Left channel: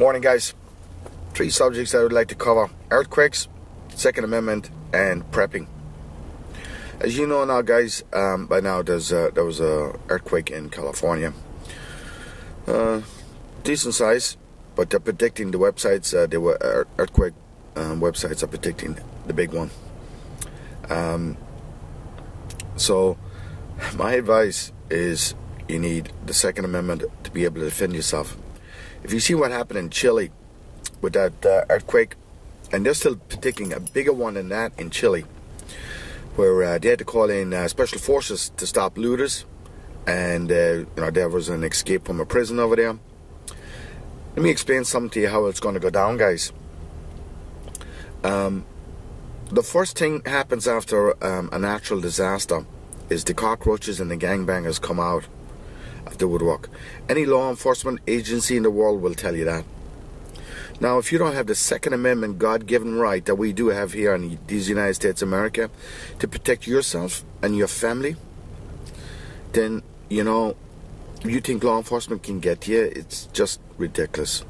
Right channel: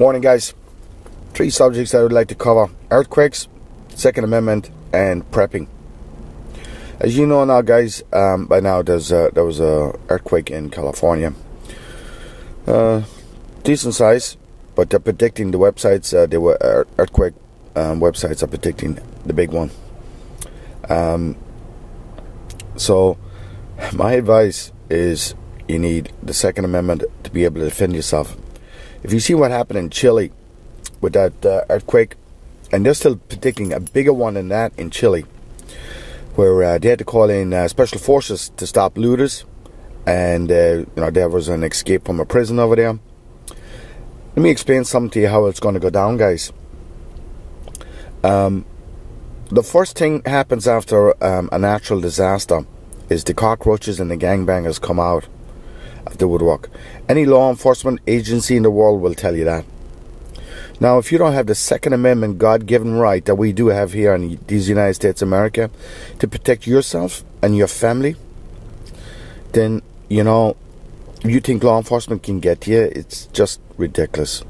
Morning, guys. 3 subjects I would like to cover: earthquakes, Second Amendment, and prepping. As you know now, guys, by now there was a earthquake in California. Decent size, but they're predicting, the websites, earthquake websites are predicting the big one. So my advice is you need the Second Amendment to be able to defend yourself. If you see what happened in Chile with that earthquake, and they're still predicting a bigger one than that in Chile, where they had to call in special forces to stop looters, and there was an escape from a prison over there. Let me explain something to you how it's going to go down, guys. The first thing happens after a natural disaster is the cockroaches and the gangbangers come out of the woodwork. Any law enforcement agency in the world will tell you that. Now, if you don't have the Second Amendment God-given right that we do have here in these United States of America to protect yourself and your family, then, you think law enforcement can get you. It's just ridiculous.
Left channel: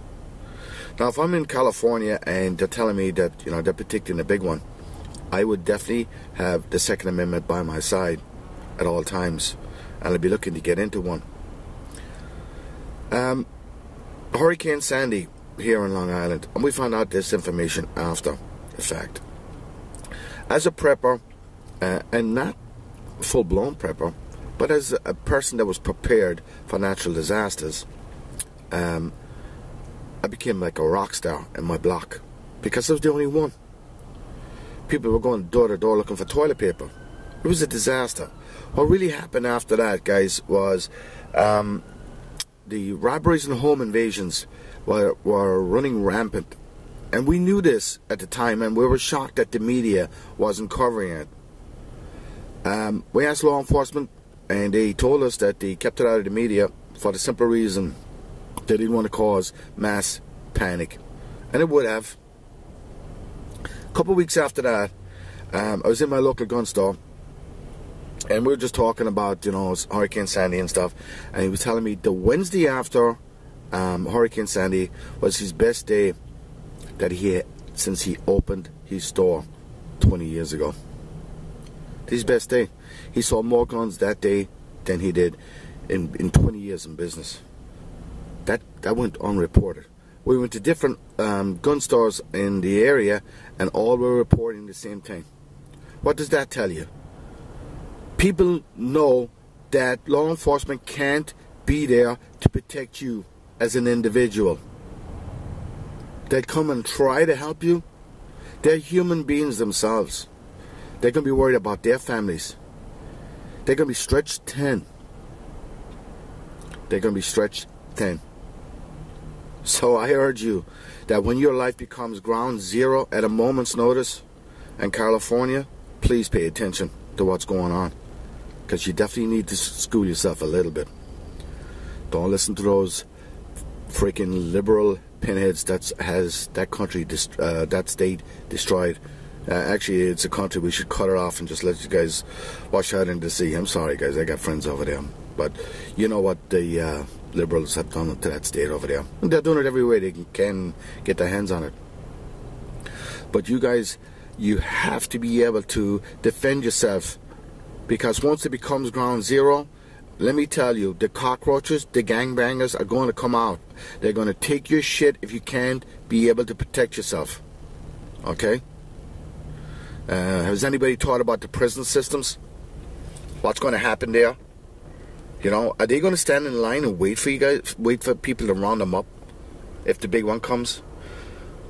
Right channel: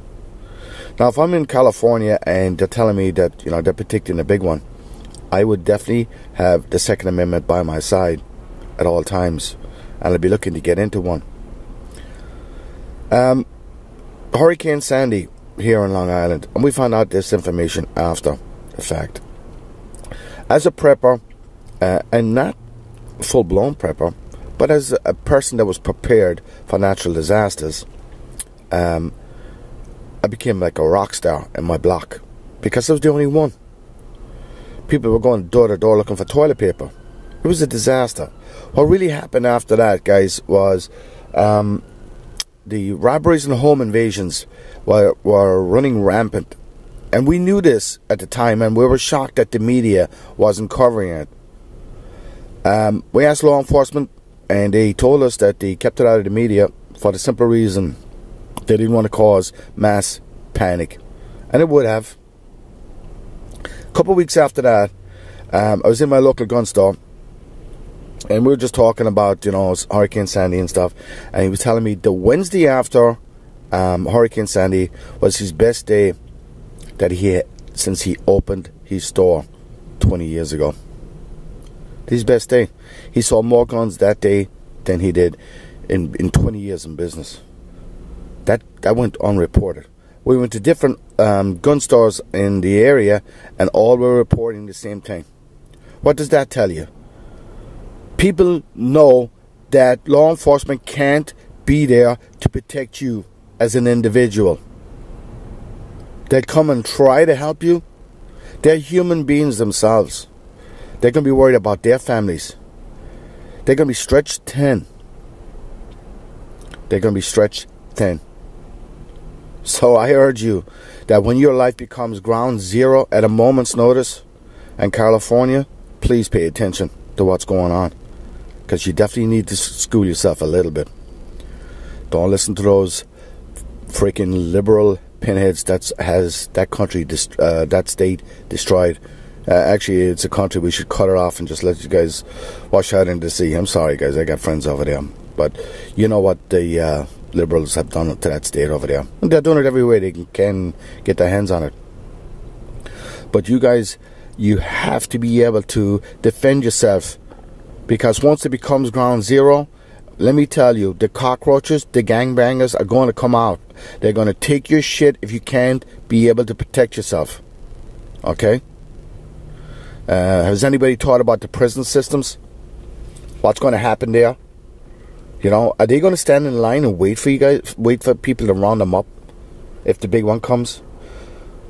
Now, if I'm in California and they're telling me that, they're predicting a big one, I would definitely have the Second Amendment by my side at all times, and I'd be looking to get into one. Hurricane Sandy here in Long Island, and we found out this information after the fact. As a prepper, and not full-blown prepper, but as a person that was prepared for natural disasters, I became like a rock star in my block because I was the only one. People were going door to door looking for toilet paper. It was a disaster. What really happened after that, guys, was the robberies and home invasions were running rampant. And we knew this at the time, and we were shocked that the media wasn't covering it. We asked law enforcement, and they told us that they kept it out of the media for the simple reason they didn't want to cause mass panic. And it would have. A couple of weeks after that, I was in my local gun store, and we were just talking about, Hurricane Sandy and stuff. And he was telling me the Wednesday after Hurricane Sandy was his best day that he had since he opened his store 20 years ago. His best day. He saw more guns that day than he did in 20 years in business. That went unreported. We went to different gun stores in the area, and all were reporting the same thing. What does that tell you? People know that law enforcement can't be there to protect you as an individual. They come and try to help you. They're human beings themselves. They're going to be worried about their families. They're going to be stretched thin. They're going to be stretched thin. So I urge you that when your life becomes ground zero at a moment's notice in California, please pay attention to what's going on, because you definitely need to school yourself a little bit. Don't listen to those freaking liberal pinheads that has that country, that state destroyed. Actually, it's a country we should cut it off and just let you guys wash out into the sea. I'm sorry, guys, I got friends over there, but you know what the liberals have done to that state over there. And they're doing it every way they can get their hands on it. But you guys, you have to be able to defend yourself, because once it becomes ground zero, let me tell you, the cockroaches, the gangbangers are going to come out. They're going to take your shit if you can't be able to protect yourself. Okay? Has anybody thought about the prison systems? What's going to happen there? Are they going to stand in line and wait for you guys, wait for people to round them up if the big one comes?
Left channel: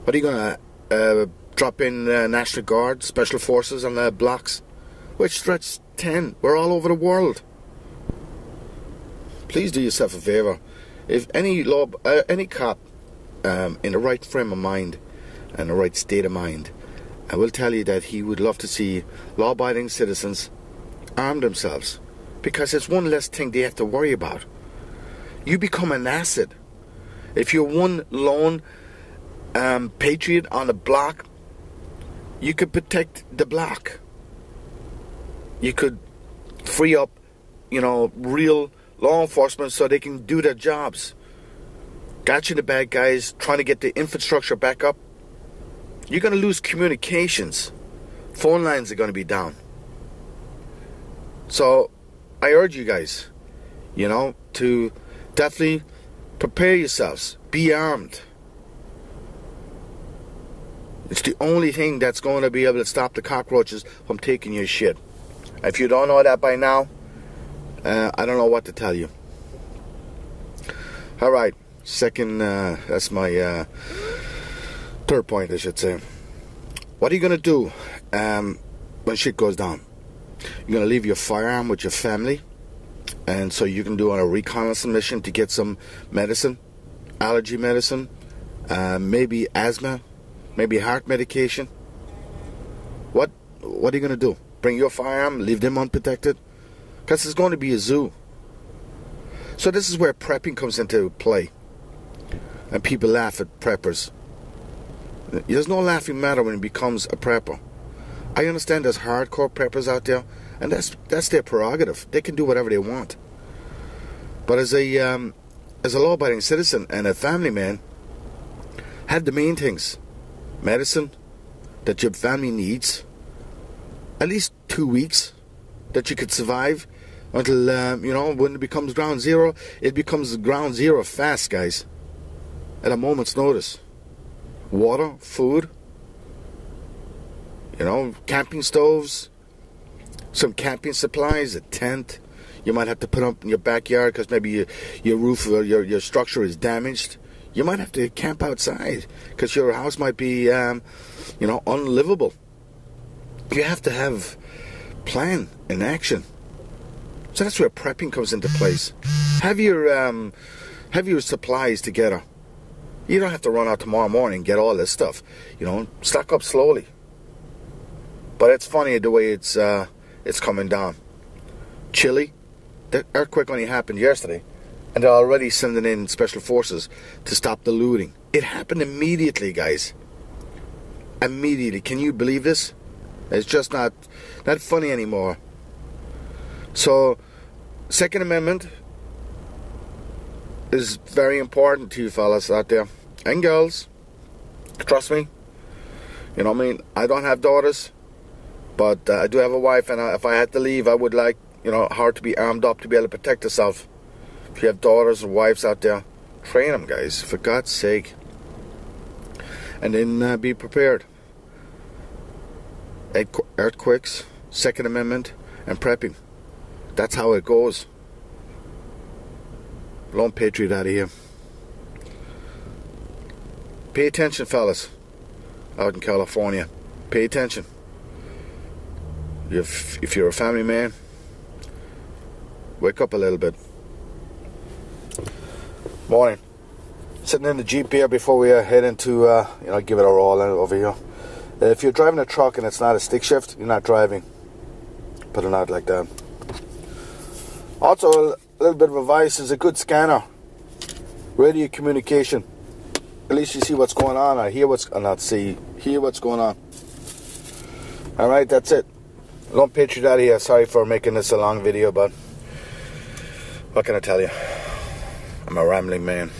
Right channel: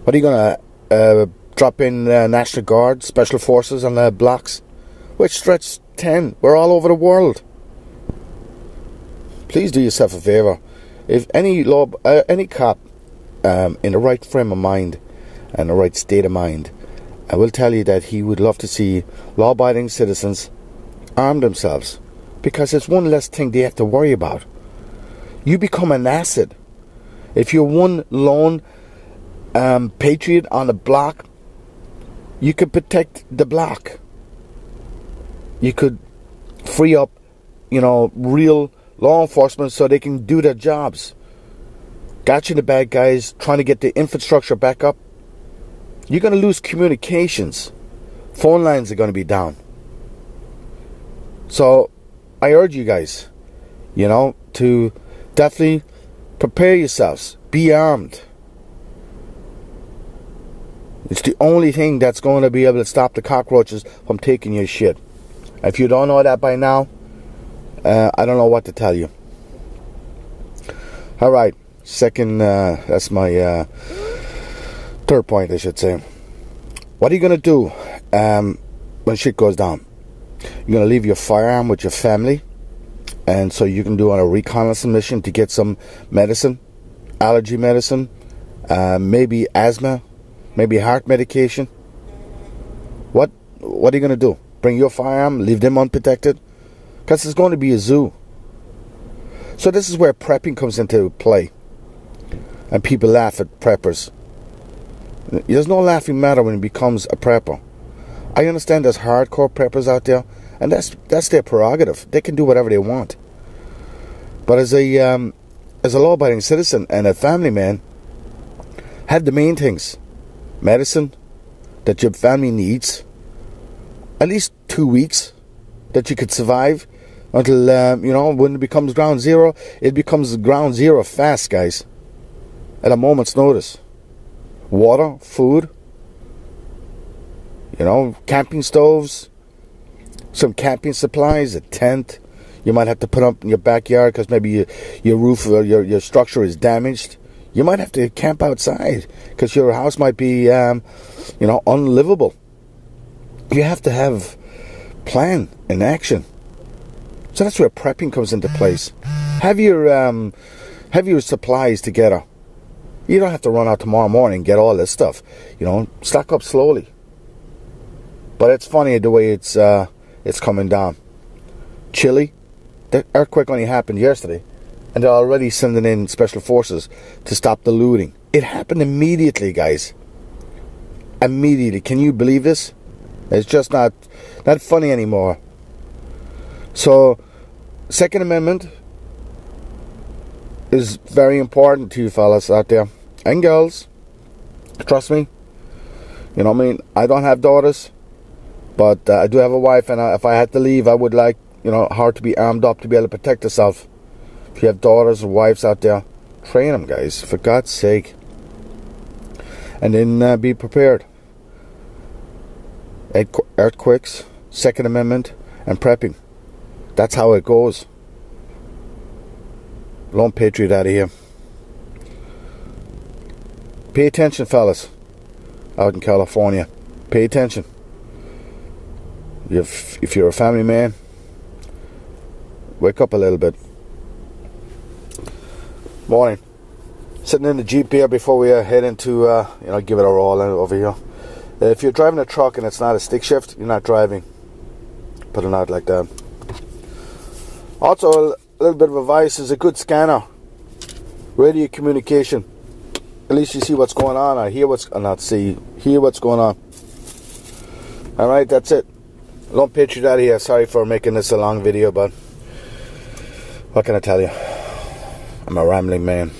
What are you going to drop in National Guard, Special Forces on the blocks? We're stretched 10. We're all over the world. Please do yourself a favor. If any cop in the right frame of mind and the right state of mind, I will tell you that he would love to see law-abiding citizens arm themselves, because it's one less thing they have to worry about. You become an asset. If you're one lone patriot on the block, you could protect the block. You could free up, real law enforcement so they can do their jobs. Gotcha, the bad guys trying to get the infrastructure back up. You're going to lose communications. Phone lines are going to be down. So I urge you guys, you know, to definitely prepare yourselves. Be armed. It's the only thing that's going to be able to stop the cockroaches from taking your shit. If you don't know that by now, I don't know what to tell you. Alright, second, that's my third point, I should say. What are you going to do when shit goes down? You're going to leave your firearm with your family, and so you can do on a reconnaissance mission to get some medicine, allergy medicine, maybe asthma, maybe heart medication. What are you going to do? Bring your firearm, leave them unprotected? Because it's going to be a zoo. So this is where prepping comes into play. And people laugh at preppers. There's no laughing matter when it becomes a prepper. I understand there's hardcore preppers out there, and that's their prerogative. They can do whatever they want. But as a law-abiding citizen and a family man, have the main things: medicine that your family needs, at least 2 weeks that you could survive until you know, when it becomes ground zero. It becomes ground zero fast, guys, at a moment's notice. Water, food, you know, camping stoves, some camping supplies, a tent. You might have to put up in your backyard because maybe your roof or your structure is damaged. You might have to camp outside because your house might be, you know, unlivable. You have to have plan and action. So that's where prepping comes into place. Have your supplies together. You don't have to run out tomorrow morning and get all this stuff. You know, stock up slowly. But it's funny the way it's coming down. Chile, the earthquake only happened yesterday, and they're already sending in special forces to stop the looting. It happened immediately, guys. Immediately. Can you believe this? It's just not funny anymore. So, Second Amendment is very important to you fellas out there and girls. Trust me. You know what I mean? I don't have daughters, but I do have a wife, and if I had to leave, I would like, you know, her to be armed up to be able to protect herself. If you have daughters and wives out there, train them, guys, for God's sake. And then be prepared. Earthquakes, Second Amendment, and prepping. That's how it goes. Lone Patriot out of here. Pay attention, fellas, out in California. Pay attention. If you're a family man, wake up a little bit. Morning. Sitting in the Jeep here before we head into, you know, give it a roll over here. If you're driving a truck and it's not a stick shift, you're not driving. Put it out like that. Also, a little bit of advice is a good scanner. Radio communication. At least you see what's going on, or hear what's, hear what's going on. Alright, that's it. Lone Patriot out of here. Sorry for making this a long video, but what can I tell you? I'm a rambling man.